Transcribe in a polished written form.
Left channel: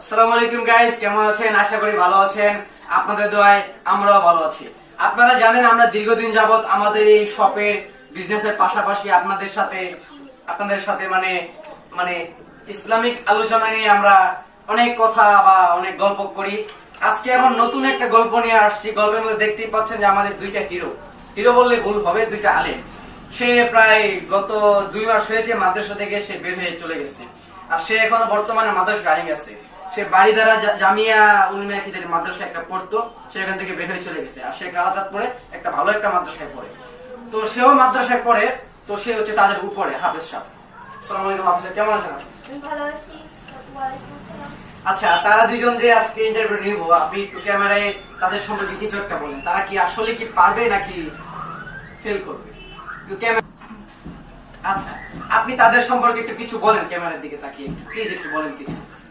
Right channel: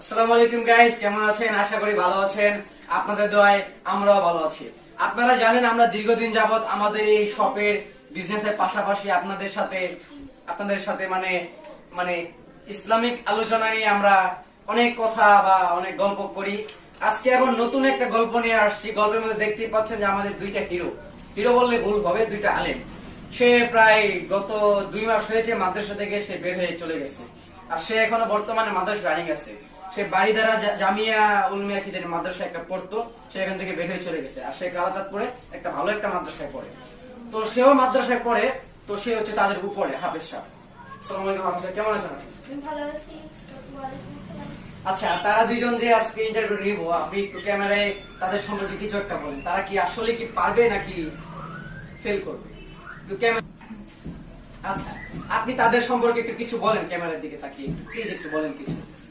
আসসালামু আলাইকুম গাইস, কেমন আছেন? আশা করি ভালো আছেন। আপনাদের দোয়ায় আমরাও ভালো আছি। আপনারা জানেন আমরা দীর্ঘদিন যাবত আমাদের এই শপের বিজনেসের পাশাপাশি আপনাদের সাথে মানে মানে ইসলামিক আলোচনা নিয়ে আমরা অনেক কথা বা অনেক গল্প করি। আজকে আবার নতুন একটা গল্প নিয়ে আসছি। গল্পের মধ্যে দেখতেই পাচ্ছেন যে আমাদের দুইটা হিরো বললে ভুল হবে, দুইটা আলেম। সে প্রায় গত 2 মাস হয়েছে মাদ্রাসা থেকে সে বের হয়ে চলে গেছে, আর সে এখনো বর্তমানে মাদ্রাসা রানিং আছে। সে বাড়িদারা জামিয়া উলুমিয়া কি জানি মাদ্রাসা একটা পড়তো, সে এখান থেকে বের হয়ে চলে গেছে। আর সে কালাচাঁদপুরে একটা ভালো একটা মাদ্রাসায় পড়ে। তো সেও মাদ্রাসায় পড়ে, তো সে হচ্ছে তাদের উপরে হাফেজ সাহেব। আসসালামু আলাইকুম হাফেজ সাহেব, কেমন আছেন আপনি? ভালো আছি। ওয়ালাইকুম আসসালাম। আচ্ছা, তারা দুইজন যে আজকে ইন্টারভিউ নিব, আপনি একটু ক্যামেরায় তাদের সম্পর্কে কিছু একটা বলেন। তারা কি আসলে কি পারবে নাকি ফেল করবে? একটু ক্যামেরা। আচ্ছা, আপনি তাদের সম্পর্কে একটু কিছু বলেন, ক্যামেরার দিকে তাকিয়ে প্লিজ একটু বলেন কিছু।